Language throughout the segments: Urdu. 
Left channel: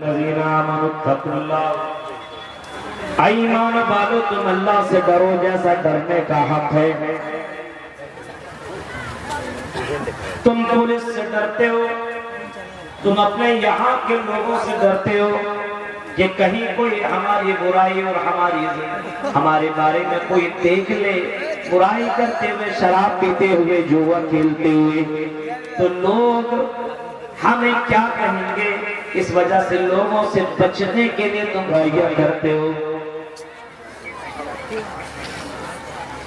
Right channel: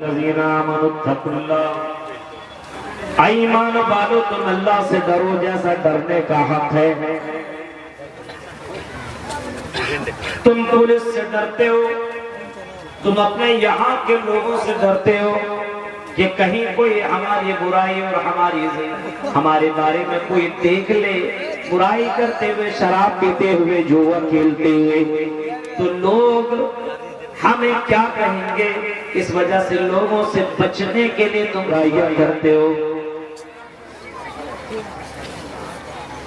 الذین آمنوا اتقوا اللہ، ایمان والو تم اللہ سے ڈرو جیسا ڈرنے کا حق ہے۔ تم پولیس سے ڈرتے ہو، تم اپنے یہاں کے لوگوں سے ڈرتے ہو کہ کہیں کوئی ہماری برائی اور ہمارے بارے میں کوئی دیکھ لے، برائی کرتے ہوئے، شراب پیتے ہوئے، جوا کھیلتے ہوئے، تو لوگ ہمیں کیا کہیں گے؟ اس وجہ سے لوگوں سے بچنے کے لیے تم برائیاں کرتے ہو۔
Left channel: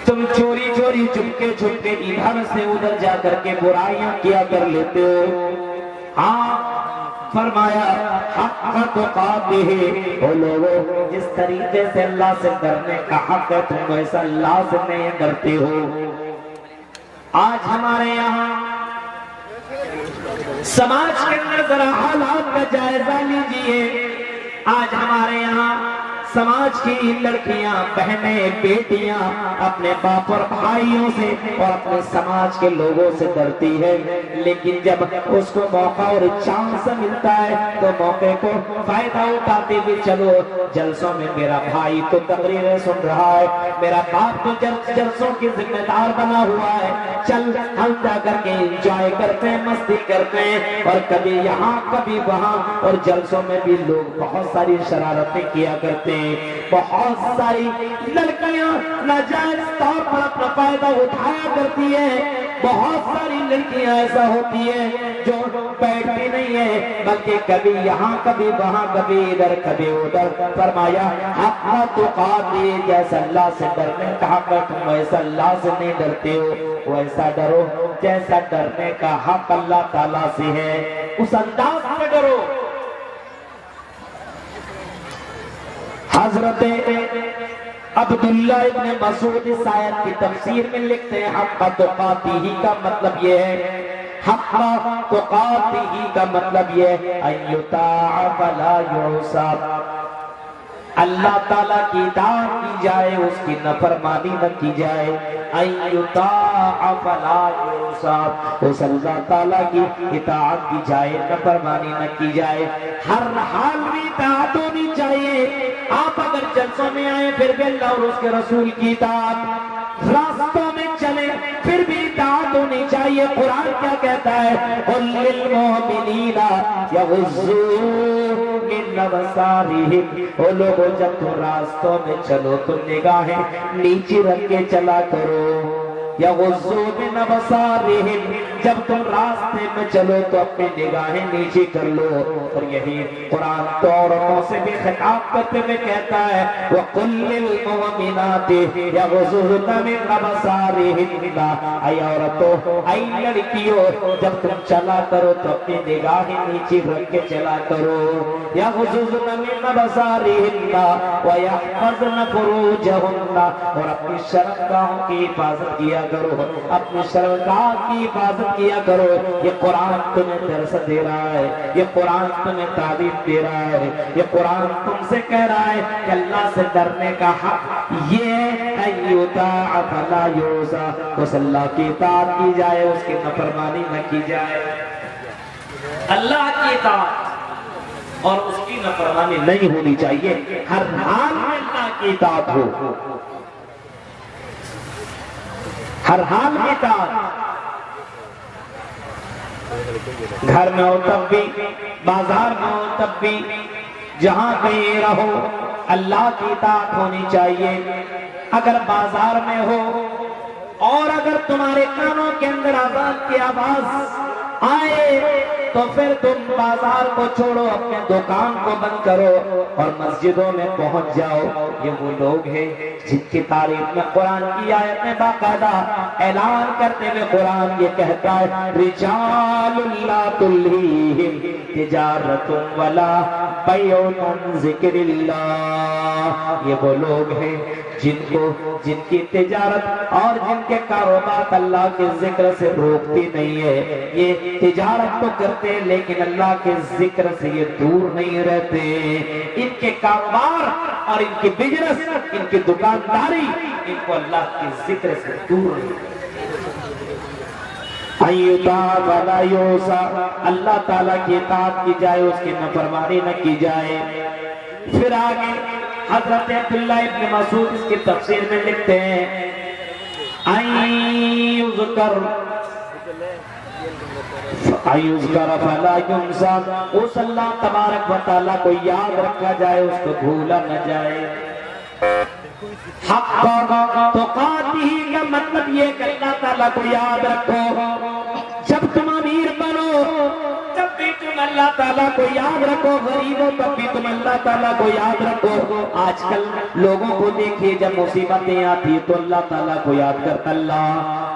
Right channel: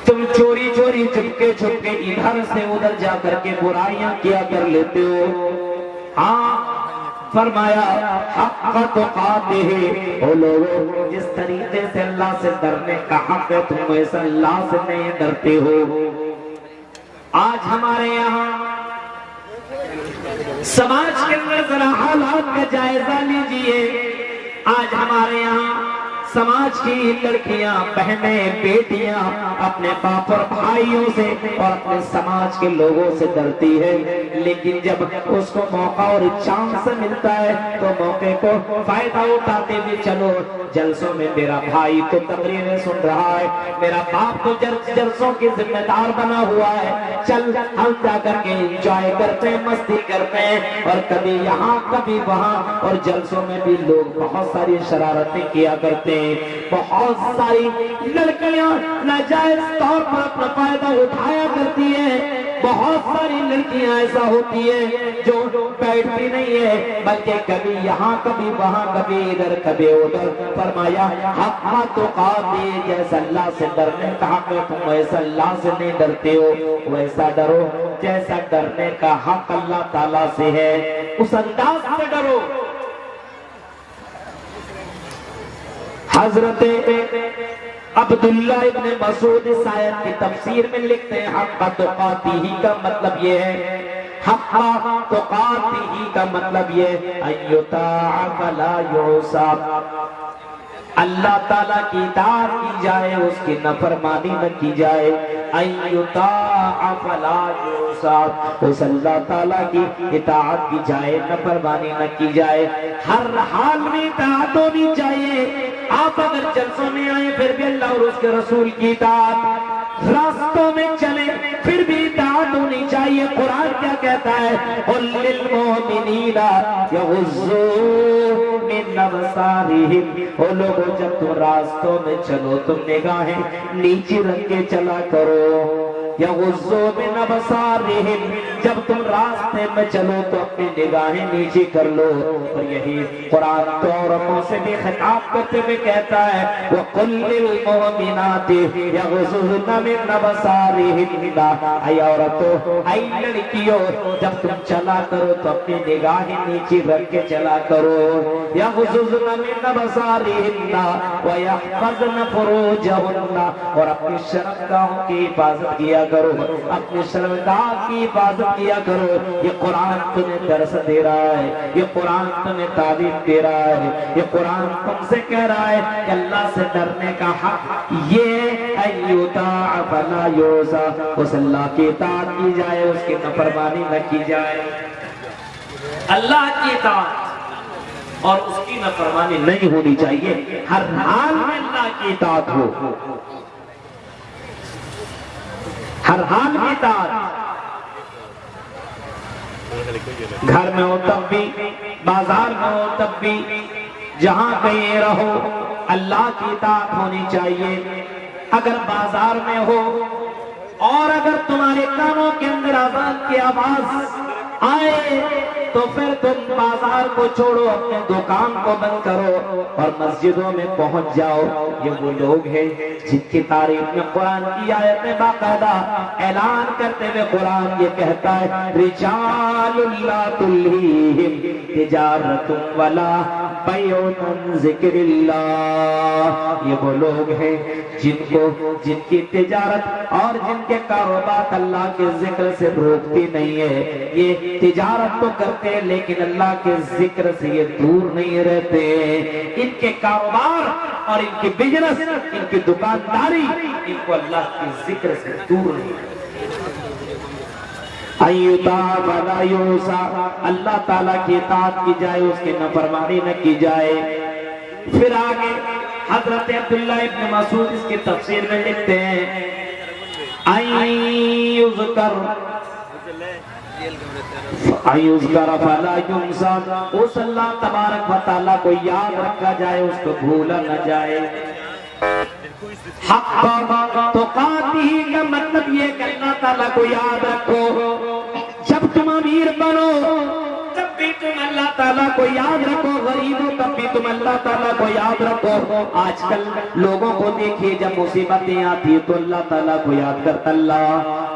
تم چوری چوری چپکے چپکے ادھر سے ادھر جا کر کے برائیاں کیا کر لیتے ہو۔ ہاں فرمایا حق تقاتہ، وہ لوگوں جس طریقے سے اللہ سے ڈرنے کا حق ہے تم ایسا اللہ سے نہیں ڈرتے ہو۔ آج ہمارے یہاں سماج کے اندر ذرا حالات کا جائزہ لیجئے۔ آج ہمارے یہاں سماج کی لڑکیاں، بہنیں، بیٹیاں اپنے باپ اور بھائیوں سے اور اپنے سماج کے لوگوں سے ڈرتی ہے، لیکن جب اس کو موقع اور چانس ملتا ہے تو موقع کو فائدہ اٹھاتے ہوئے چلو جلسوں میں میرا بھائی تو تقریریں سن رہا ہے، میرا باپ تو جلسوں کی ذمہ دار بنا ہوا ہے، چل ہم جا کر کے انجوائے کرتے ہیں، مستی کرتے ہیں، اور کبھی یہاں کبھی وہاں، اور جلسوں میں بھی لوگ بہت ساری شرارتیں کیا کرتے ہیں۔ بہت ساری لڑکیاں ناجائز طور پر اپنا فائدہ اٹھایا کرتی ہیں، بہت ساری لڑکیاں ایسا ہوتی ہیں جو بیٹھتی نہیں ہے بلکہ کبھی یہاں کبھی وہاں، کبھی ادھر کبھی ادھر۔ فرمایا حق تقاتہ، جیسا اللہ سے ڈرنے کا حق ہے تم ایسا اللہ سے نہیں ڈرتے ہو، ویسا ڈرو جیسا ڈرنے کا حق اللہ تعالیٰ سے ہے، اس انداز سے ڈرو۔ حضرت عبداللہ ابن مسعود اس آیت کی تفسیر میں لکھتے ہیں حق تقاتہ کا مطلب یہ ہے، حق تقاتہ کا مطلب یہ ہے ان یطاع فلا یعصى، اللہ تعالیٰ کی اطاعت کی جائے، اس کی نافرمانی نہ کی جائے۔ ان یطاع فلا یعصى، اس اللہ تعالیٰ کی اطاعت کی جائے، نافرمانی نہ کی جائے، ہر حال میں اطاعت ہونی چاہیے۔ آپ اگر جلسوں میں آئیں پھر بھی اللہ اور اس کے رسول کی اطاعت، راستوں میں چلیں پھر بھی اطاعت ہونی چاہیے۔ قرآن کیا کہتا ہے؟ قل للمؤمنین یغضوا من ابصارہم، وہ لوگوں جب تم راستوں میں چلو تم نگاہیں نیچے رکھ کے چلا کرو۔ یغضوا من ابصارہم، جب تم راستے میں چلو تو اپنی نگاہیں نیچے کر لو۔ اور یہی قرآن تو عورتوں سے بھی خطاب کرتے ہوئے کہتا ہے وَقُلْ لِلْمُؤْمِنَاتِ يَغْضُضْنَ مِنْ أَبْصَارِهِنَّ، اے عورتوں، اے لڑکیوں، جب تم چلا کرو تو اپنی نگاہیں نیچے رکھ کے چلا کرو۔ يَغْضُضْنَ مِنْ أَبْصَارِهِنَّ وَيَحْفَظْنَ فُرُوجَهُنَّ، اور اپنی شرمگاہوں کی حفاظت کیا کرو، اپنی شرمگاہ کی حفاظت کیا کرو۔ یہ قرآن تمہیں درس دے رہا ہے، یہ قرآن تمہیں تعریف دے رہا ہے، یہ قرآن تم سے کہہ رہا ہے کہ اللہ سے ڈرنے کا حق یہ ہے ان یطاع فلا یعصى، اس اللہ کی اطاعت کی جائے، اس کی نافرمانی نہ کی جائے۔ اللہ کی اطاعت اور اس کی نافرمانی نہیں ہونی چاہیے، ہر حال میں اللہ کی اطاعت ہو، ہر حال میں اطاعت، گھر میں ہو تب بھی، بازار میں ہو تب بھی، جہاں کہیں رہو اللہ کی اطاعت ہونی چاہیے۔ اگر بازار میں ہو اور اگر تمہارے کانوں کے اندر اذان کی آواز آئے تو پھر تم بازار کو چھوڑو، اپنے دکان کو بند کرو اور مسجدوں میں پہنچ جاؤ۔ یہ وہ لوگ ہیں جن کی تعریف میں قرآن کی آیت میں باقاعدہ اعلان کرتے ہوئے قرآن یہ کہتا ہے رجال لا تلہیہم تجارت ولا بیع عن ذکر اللہ، یہ وہ لوگ ہیں جن کی تجارت اور جن کے کاروبار اللہ کے ذکر سے روکتی نہیں ہے۔ یہ تجارت تو کرتے ہیں لیکن اللہ کے ذکر سے یہ دور نہیں رہتے، ان کے کاروبار اور ان کی بزنس، ان کی دکانداری ان کو اللہ کے ذکر سے دور نہیں۔ ایتا فلا یوسا، اللہ تعالیٰ کی اطاعت کی جائے، اس کی نافرمانی نہ کی جائے۔ پھر آگے حضرت عبداللہ ابن مسعود اس کی تفسیر میں لکھتے ہیں ایذکر فلا ینسا، اس اللہ تبارک و تعالیٰ کو یاد رکھا جائے، اس کو بھولا نہ جائے۔ حق تقاتہ کا مطلب یہ کہ اللہ تعالیٰ کو یاد رکھو، جب تم امیر بنو تب بھی تم اللہ تعالیٰ کو یاد رکھو، غریب ہو تب بھی تم اللہ تعالیٰ کو یاد رکھو۔ آج کل لوگوں کو دیکھیے جب مصیبتیں آتی تو اللہ تعالیٰ کو یاد کرتا اللہ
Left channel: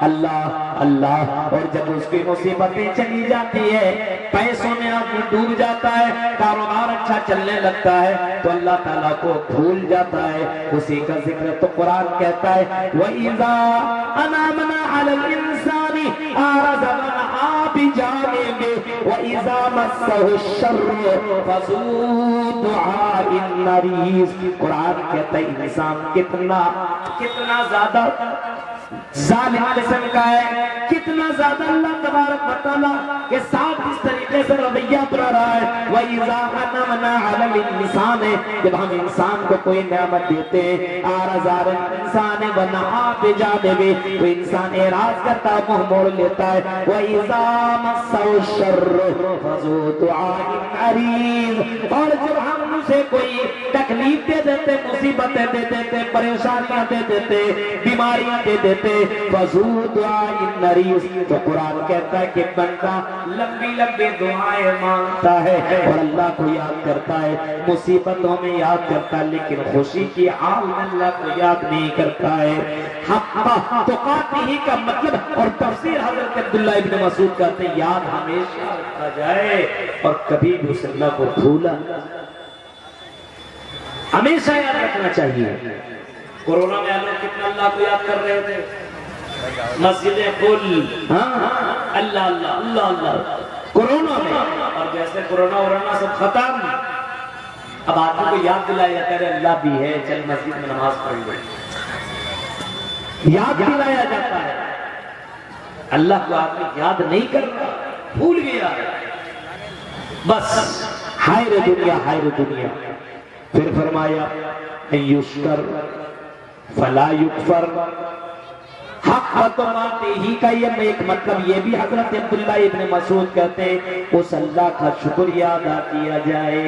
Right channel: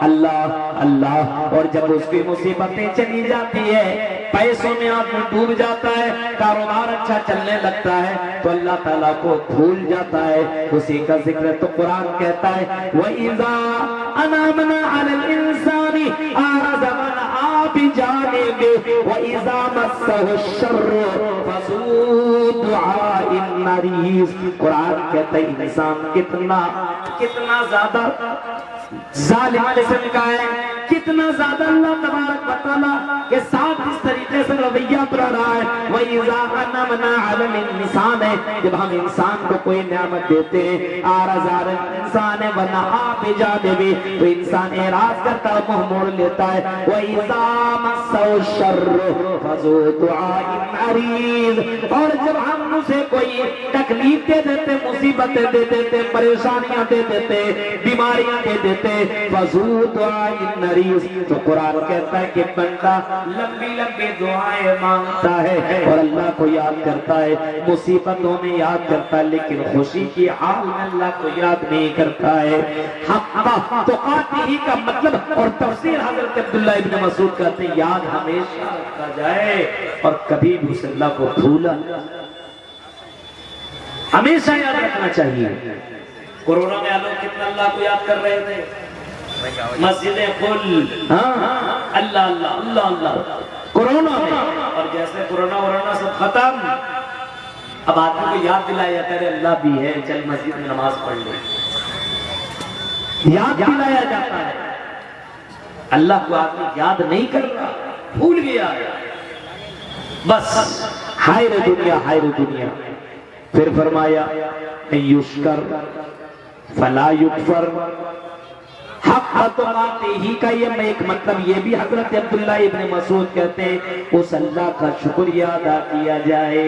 اللہ اللہ، اور جب اس کی مصیبتیں چلی جاتی ہے، پیسوں میں آدمی ڈوب جاتا ہے، کاروبار اچھا چلنے لگتا ہے تو اللہ تعالیٰ کو بھول جاتا ہے۔ اسی کا ذکر تو قرآن کہتا ہے وَإِذَا أَنَعْمْنَا عَلَى الْإِنسَانِ أَعْرَضَ وَنَأَىٰ بِجَانِبِهِ وَإِذَا مَسَّهُ الشَّرُّ فَذُو دُعَاءٍ عَرِيضٍ۔ قرآن کہتا ہے انسان کتنا زیادہ ظالم قسم کا ہے، کتنا زیادہ اللہ تبارک و تعالیٰ کے ساتھ اس طریقے سے رویہ اپنا رہا ہے۔ وَإِذَا أَنَعْمْنَا عَلَى الْإِنسَانِ، جب ہم انسان کو کوئی نعمت دیتے ہیں، أَعْرَضَ عَنِ الْإِنسَانِ وَنَأَىٰ بِجَانِبِهِ، تو انسان اعراض کرتا ہے، منہ موڑ لیتا ہے۔ وَإِذَا مَسَّهُ الشَّرُّ فَذُو دُعَاءٍ عَرِيضٍ، اور جب ہم اسے کوئی تکلیف دے دیتے، مصیبتیں دے دیتے، پریشانیاں دے دیتے، بیماریاں دے دیتے، فَذُو دُعَاءٍ عَرِيضٍ، تو قرآن کہتا ہے کہ بندہ لمبی لمبی دعائیں مانگتا ہے اور اللہ کو یاد کرتا ہے، مصیبتوں میں یاد کرتا ہے، لیکن خوشی کی حال میں اللہ کو یاد نہیں کرتا ہے۔ حق تقاتہ کا مطلب اور تفسیر حضرت عبداللہ ابن مسعود کہتے ہیں یاد ہمیشہ رکھا جائے اور کبھی بھی اس اللہ کو بھولا نہ جائے، ہمیشہ یاد رکھنا چاہیے۔ کورونا میں لوگ کتنا اللہ کو یاد کر رہے تھے، مسجدیں کھل، اللہ اللہ اللہ اللہ کورونا میں، اور جیسے کورونا سب ختم، اب آدمی کو یاد دلایا جاتا ہے اللہ بھی ہے، چل مسجد میں نماز پڑھ لے، یاد دلایا جاتا ہے۔ اللہ کو آدمی یاد نہیں کر رہا، بھول گیا بس، ہائے رے دنیا ہائے رے دنیا۔ پھر فرمایا یشکر فلا یکفر، حق تقاتہ کا یہ ایک مطلب یہ بھی حضرت عبداللہ ابن مسعود کہتے ہیں اس اللہ کا شکریہ ادا کیا جائے،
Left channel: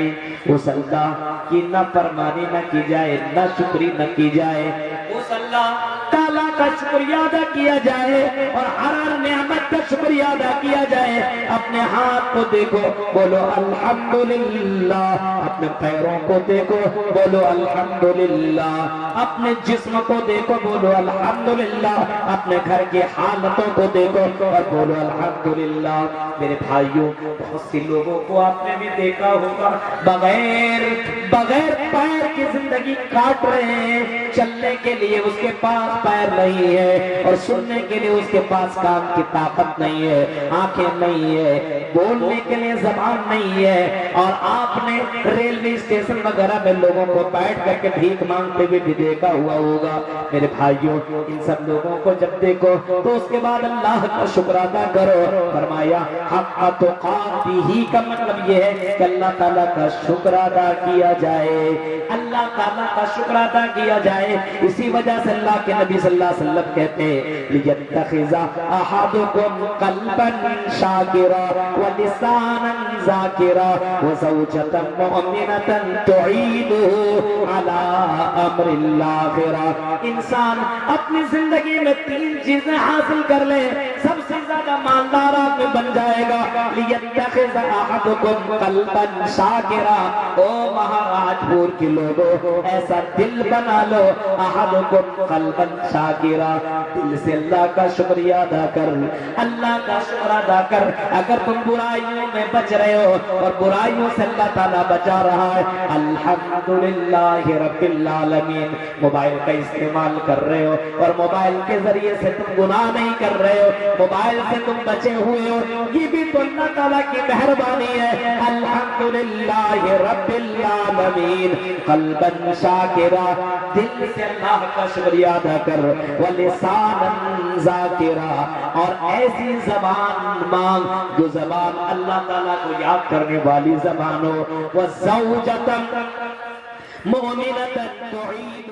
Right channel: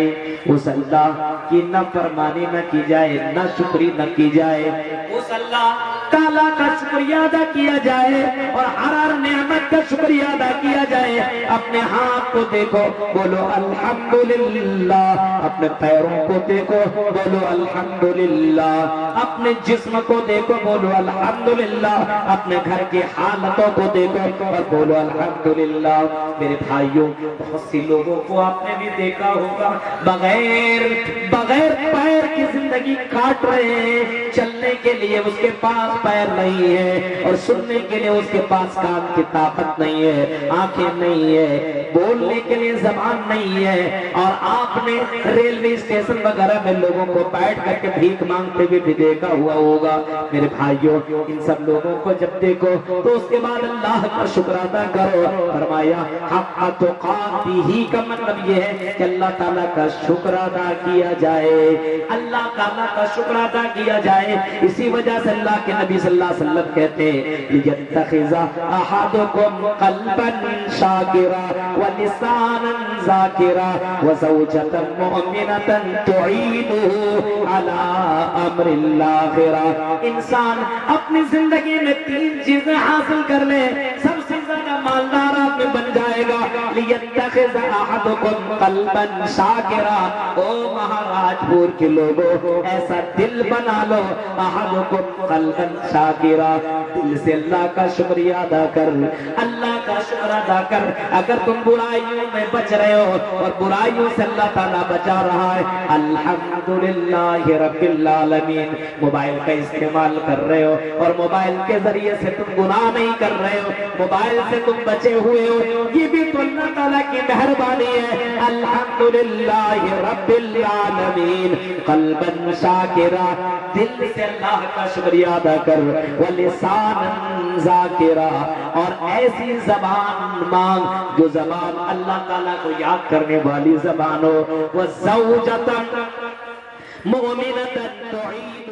اس اللہ کی نہ فرمانی نہ کی جائے، نہ شکری نہ کی جائے، اس اللہ تعالیٰ کا شکریہ ادا کیا جائے اور ہر نعمت کا شکریہ ادا کیا جائے۔ اپنے ہاتھ کو دیکھو بولو الحمدللہ، اپنے پیروں کو دیکھو بولو الحمدللہ، اپنے جسم کو دیکھو بولو الحمدللہ، اپنے گھر کی حالتوں کو دیکھو اور بولو الحمدللہ۔ میرے بھائیوں، بہت سی لوگوں کو آپ نے بھی دیکھا ہوگا بغیر پیر کی زندگی کاٹ رہے ہیں، چلنے کے لیے اس کے پاس پیر نہیں ہے اور سننے کے لیے اس کے پاس کان کی طاقت نہیں ہے، آنکھیں نہیں ہے، بولنے کے لیے زبان نہیں ہے، اور آپ نے ریلوے اسٹیشن وغیرہ میں لوگوں کو بیٹھ کر کے بھیک مانگتے ہوئے بھی دیکھا ہوا ہوگا۔ میرے بھائیوں، ان سب لوگوں کو جب دیکھو تو اس کے بعد اللہ کا شکر ادا کرو۔ فرمایا حق تقاتہ کا مطلب یہ ہے کہ اللہ تعالیٰ کا شکر ادا کیا جائے، اللہ تعالیٰ کا شکر ادا کیا جائے۔ اسی وجہ سے اللہ کے نبی صلی اللہ علیہ وسلم کہتے ہیں لِيَتَّخِذَ أَحَدُكُمْ قَلْبًا شَاكِرًا وَلِسَانًا ذَاكِرًا وَزَوْجَةً مُؤْمِنَةً تُعِينُهُ عَلَىٰ أَمْرِ الْآخِرَةِ۔ انسان اپنی زندگی میں 3 چیزیں حاصل کر لے، سب سے زیادہ مالدار آدمی بن جائے گا۔ لِيَتَّخِذَ أَحَدُكُمْ قَلْبًا شَاكِرًا، او مہاراج پور کے لوگوں ایسا دل بنا لو، احدکم قلبا شاکرا، دل سے اللہ کا شکریہ ادا کر، اللہ کا شکر ادا کر۔ اگر تم برائیوں میں بچ رہے ہو اور برائیوں سے اللہ تعالیٰ بچا رہا ہے، الحمدللہ رب العالمین، موبائل کا استعمال کر رہے ہو اور موبائل کے ذریعے سے تم گناہ نہیں کر رہے ہو، موبائل سے تم بچے ہوئے ہو، یہ بھی تو اللہ اللہ تعالیٰ کی مہربانی ہے. الحمدللہ رب العالمین. قلبا شاکرا, دل سے اللہ کا شکریہ ادا کر. ولسانا ذاکرا, اور ایسی زبان مانگ جو زبان اللہ تعالیٰ کو یاد کرنے والی زبان ہو. وزوجتا مؤمنة تعین